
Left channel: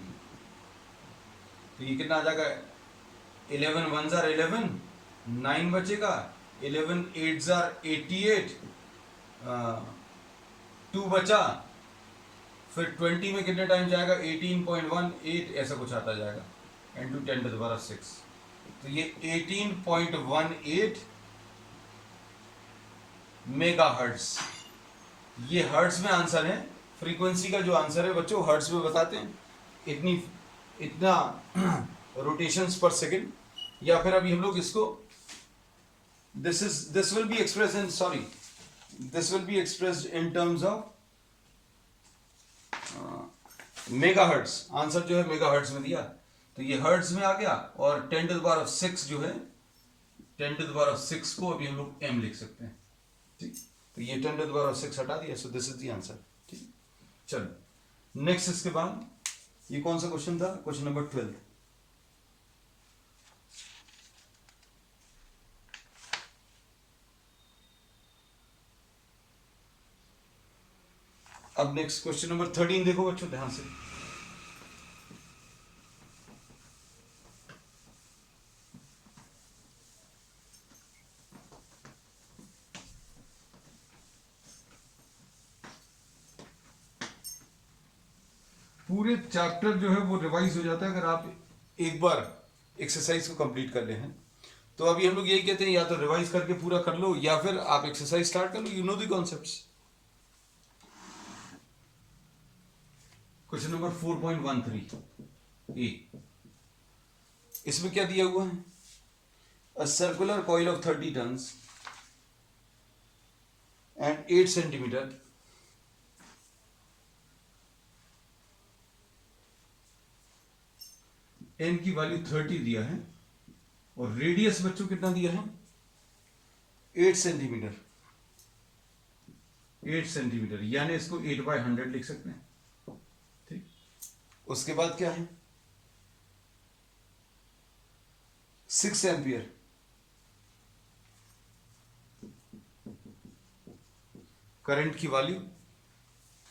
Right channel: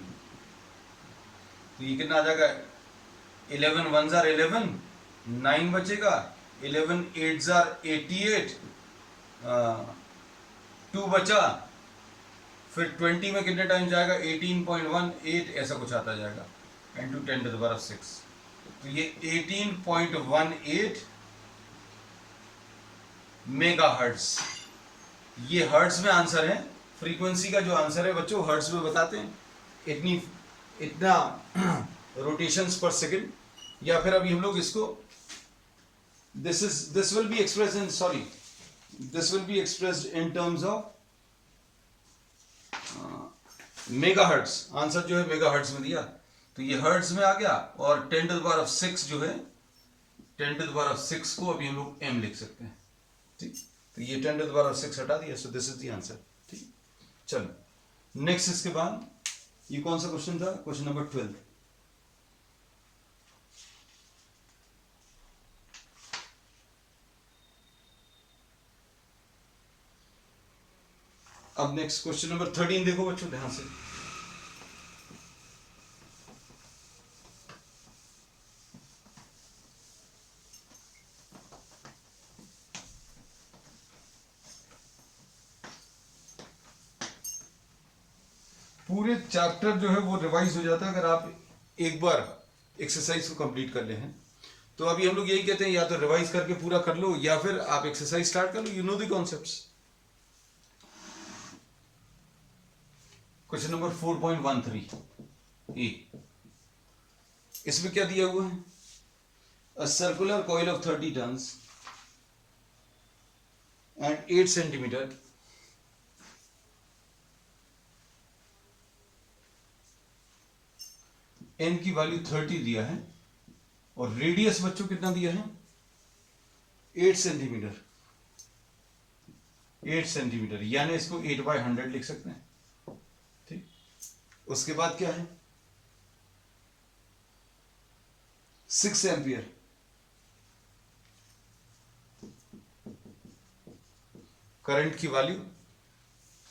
तो ये कितना आ जाएगा, 11 1 जार 11, 9 बचेगा, 11 8 जार 88, 2 बचा, फिर 20 में कितने टाइम जाएगा, 18.18 ऐसा कुछ आता जाएगा, into 10 to the power of 6, तो ये 18.18 मेगा हर्ट्ज, ये हर्ट्ज में आंसर है। फ्रीक्वेंसी का जो आंसर है बच्चों हर्ट्ज में बताते हैं, इतना रोटेशंस पर सेकंड, या फिर अभी हम लोग इसको this will be expressed in terms of megahertz. Answer जो है मेगाहर्ट्ज में दिया, तो ये हर्ट्ज में आ गया, और 10 टू द पावर ऑफ 6 जो है, 10 टू द पावर ऑफ 6 को अभी हम लोग m लिख सकते हैं, ठीक। तो ये 10 टू द पावर ऑफ 6 हटा दिया, सो दिस इज द आंसर, ठीक। चलो नेक्स्ट, इसके बाद ये कौन सा क्वेश्चन था, क्वेश्चन नंबर 12। अब नेक्स्ट क्वेश्चन नंबर 13 देखो बच्चों ध्यान से। पूरे चैप्टर जो है वो रिवाइज हो जाता है अगर आप एक बार एक्सरसाइज को कंप्लीट कर ले हैं। तो अभी हम लोग यही कहते हैं, या तो रिवाइज करके पूरा कर लो, या फिर आप एक्सरसाइज स्टार्ट कर लो, you know the concepts. Question number 4.13 A, इसमें क्या दिया हुआ है, a circular coil of 30 turns and 8 centimetre N की वैल्यू 30 दिया है, और रेडियस बच्चों कितना दिया है 8 सेंटीमीटर, 8 सेंटीमीटर, यानी इसको 8/100 लिख सकते हैं, ठीक। उसके बाद क्या है 6 एम्पियर, करंट की value,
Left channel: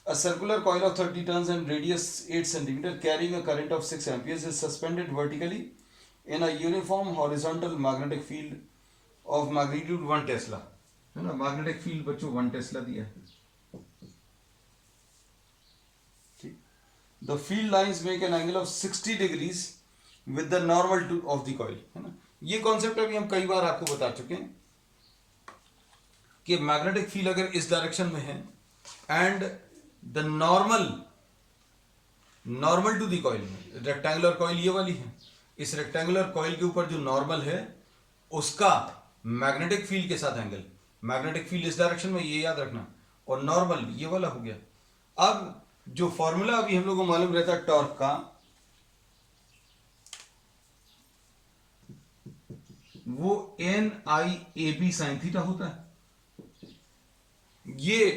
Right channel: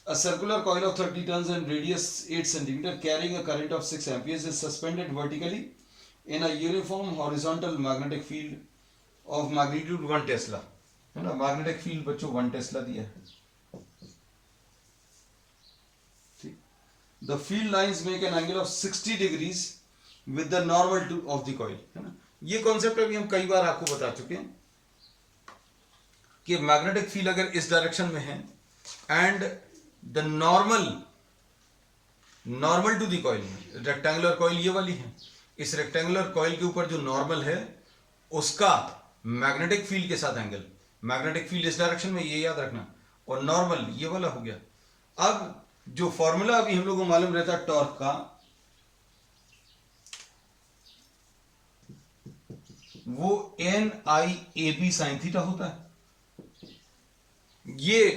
a circular coil of 30 turns and radius 8 centimeter carrying a current of 6 amperes is suspended vertically in a uniform horizontal magnetic field of magnitude 1 Tesla, है ना। मैग्नेटिक फील्ड बच्चों 1 टेस्ला दिया है, ठीक। The field lines make an angle of 60 degrees with the normal of the coil, है ना। ये concept अभी हम कई बार आपको बता चुके हैं कि मैग्नेटिक फील्ड अगर इस डायरेक्शन में है and the normal to the coil, rectangular coil ये वाली है, इस रेक्टेंगुलर कॉइल के ऊपर जो नॉर्मल है उसका मैग्नेटिक फील्ड के साथ एंगल, मैग्नेटिक फील्ड इस डायरेक्शन में, ये याद रखना, और नॉर्मल ये वाला हो गया। अब जो फॉर्मूला अभी हम लोगों को मालूम रहता है टॉर्क का, वो NIAB sin थीटा होता है। ये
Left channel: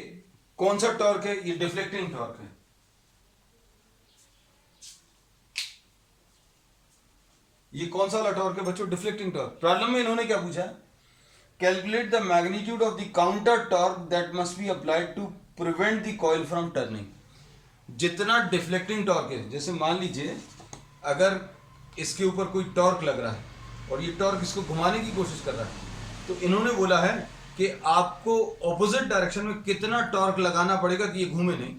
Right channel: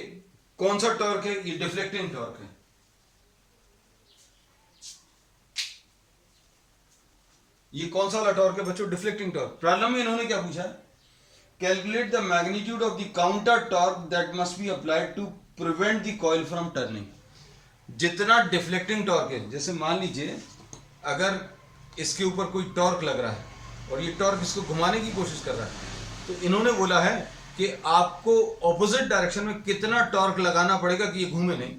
कौन सा टॉर्क है? ये डिफ्लेक्टिंग टॉर्क है। ये कौन सा वाला टॉर्क है बच्चों? Deflecting torque. प्रॉब्लम में इन्होंने क्या पूछा? Calculate the magnitude of the counter torque that must be applied to prevent the coil from turning. जितना डिफ्लेक्टिंग टॉर्क है, जैसे मान लीजिए अगर इसके ऊपर कोई टॉर्क लग रहा है और ये टॉर्क इसको घुमाने की कोशिश कर रहा है, तो इन्होंने बोला है कि आपको ऑपोजिट डायरेक्शन में कितना टॉर्क लगाना पड़ेगा कि ये घूमे नहीं।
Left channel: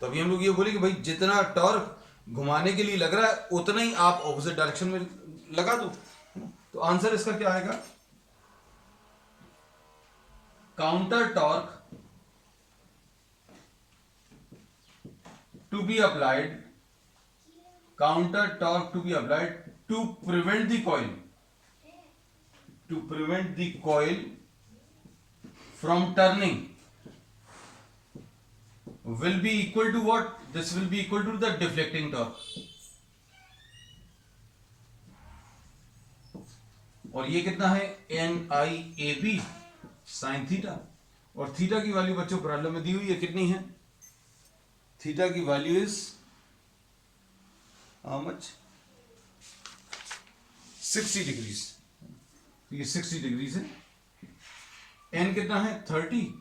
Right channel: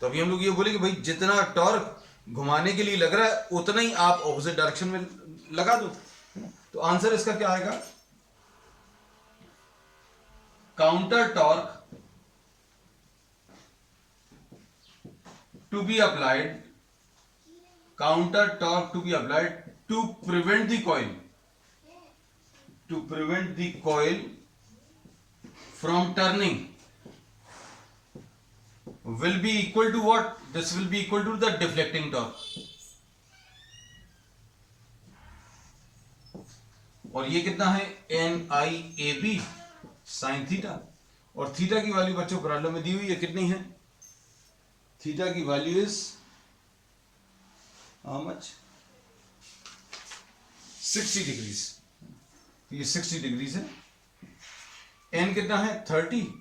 तो अभी हम लोग ये बोले कि भाई जितना टॉर्क घुमाने के लिए लग रहा है उतना ही आप ऑपोजिट डायरेक्शन में लगा दो। तो आंसर इसका क्या आएगा? Counter torque to be applied, counter torque to be applied to prevent the coil from turning will be equal to what? This will be equal to the deflecting torque. और ये कितना है? NIAB sin theta. और theta की value बच्चों problem में दी हुई है, कितनी है? थीटा की value is how much? 60 degrees. ये 60 डिग्रीज है। एन कितना है? 30।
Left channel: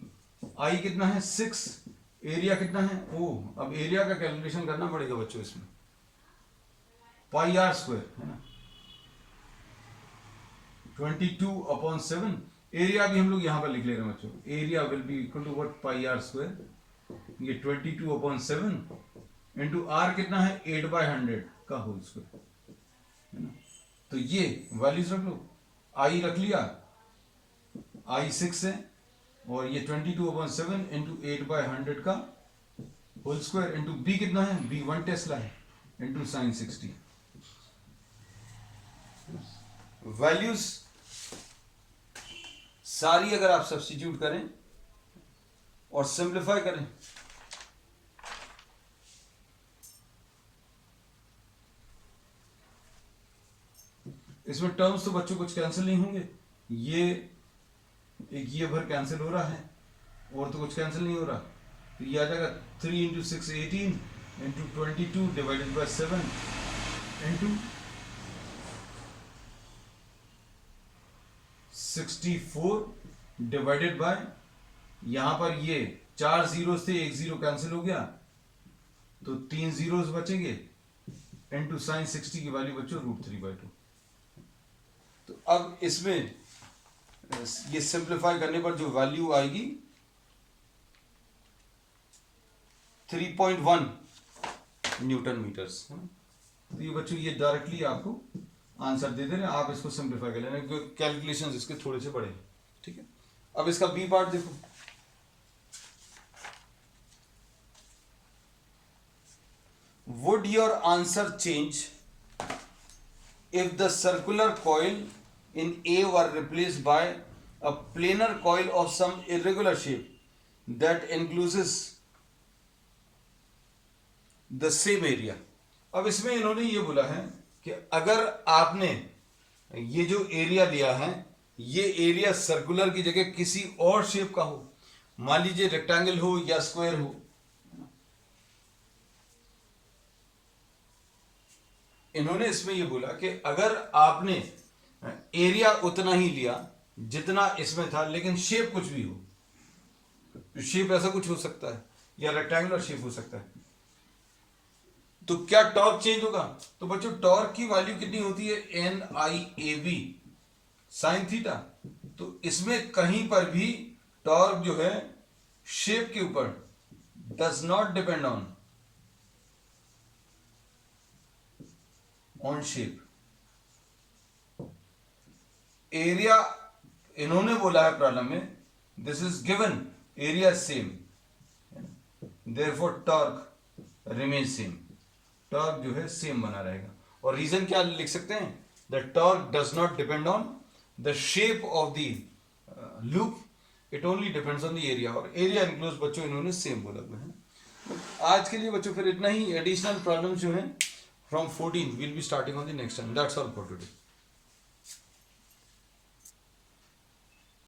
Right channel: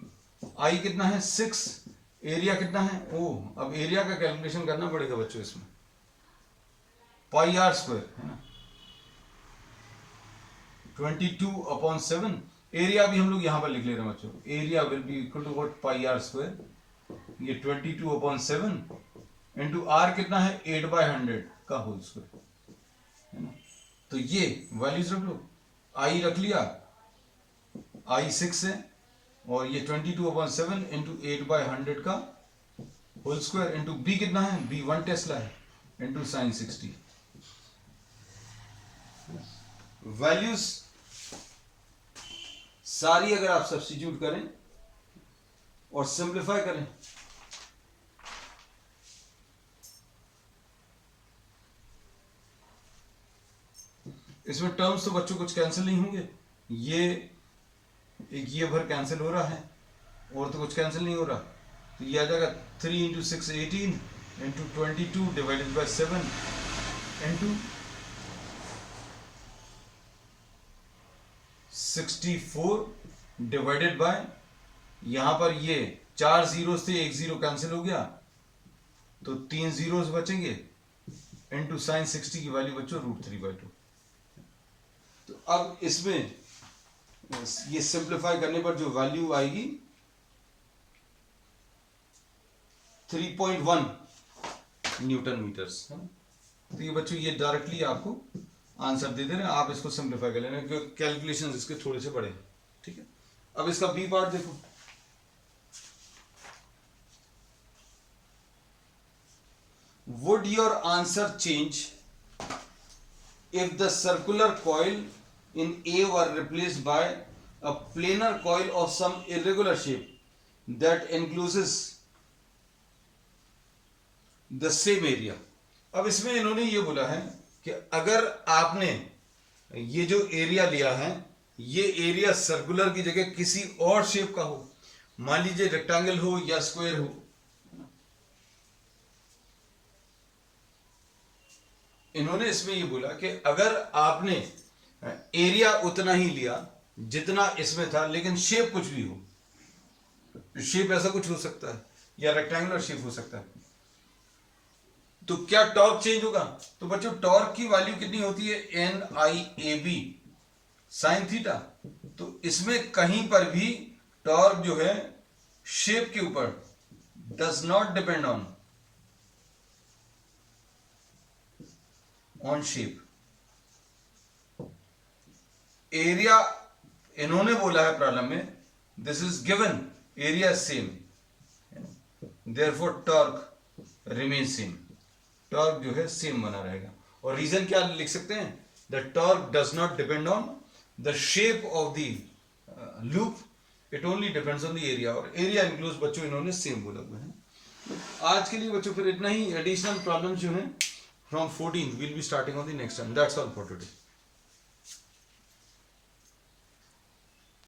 आई कितना है? 6। एरिया कितना है? ओ, अब एरिया का कैलकुलेशन करना पड़ेगा बच्चों इसमें। पाई आर स्क्वायर है ना, 22/7। एरिया भी हम लोग यहां पर लिख ले रहे हैं बच्चों। Area will be equal to what? Pi r square. ये 22/7 इंटू आर कितना है? 8/100 का होल स्क्वायर है ना। तो ये वैल्यूज रख लो। आई रख लिया, आई 6 है, और ये 22/7 इंटू 8/100 का होल स्क्वायर इंटू बी कितना है? बी 1 टेस्ला है इंटू साइन 60। वैल्यूज सारी अगर आप सब्स्टिट्यूट करें और सिंप्लीफाई करें, इसमें टर्म्स तो बच्चों कुछ कैंसिल नहीं होंगे। ये एक ये भर कैंसिल हो रहा है और तो कुछ कैंसिल नहीं हो रहा। तो ये आ जाएगा 3 × 6 18 into 22 divided by 7 into 64 divided by, यहां पर ये 4 जीरोस थे, 1 जीरो कैंसिल हो गया तो 3 जीरोस बचेंगे इंटू साइन 60 की वैल्यू बच्चों √3/2। तो अब इसमें ये सिंप्लीफाई करने पर जो वैल्यू आएगी 3.1 न्यूटन मीटर्स। तो ये बच्चों ये डायरेक्टली आपको आंसर दे दे रहे हैं। आप इसको सिंप्लीफाई कर लेना, कैलकुलेशंस इसके थोड़े से बड़े हैं, ठीक है। अब इसका बी पार्ट देखो। Would your answer change if the circular coil in A were replaced by a planar coil of some irregular shape that encloses the same area? अब इसमें इन्होंने ये बोला है कि अगर आपने ये जो एरिया लिया है, ये एरिया सर्कुलर की जगह किसी और शेप का हो, मान लीजिए रेक्टेंगल हो या स्क्वायर हो, इन्होंने इसमें ये बोला कि अगर आपने एरिया उतना ही लिया जितना इसमें था, लेकिन शेप कुछ भी हो, शेप ऐसा कुछ हो सकता है या रेक्टेंगुलर शेप हो सकता है, तो क्या टॉर्क चेंज होगा? तो बच्चों टॉर्क की वैल्यू कितनी होती है? NIAB sine theta. तो इसमें कहीं पर भी टॉर्क जो है शेप के ऊपर does not depend on shape. Area इन्होंने बोला है प्रॉब्लम में, this is given, area same, therefore torque remain same. Torque जो है सेम बना रहेगा। और रीजन क्या लिख सकते हैं? The torque does not depend on the shape of the loop, it only depends on the area. और एरिया इंक्लूज बच्चों इन्होंने सेम बोला हुआ है। आज के लिए बच्चों फिर इतना ही। एडिशनल प्रॉब्लम जो है from 14 will be starting on the next time. That's all for today.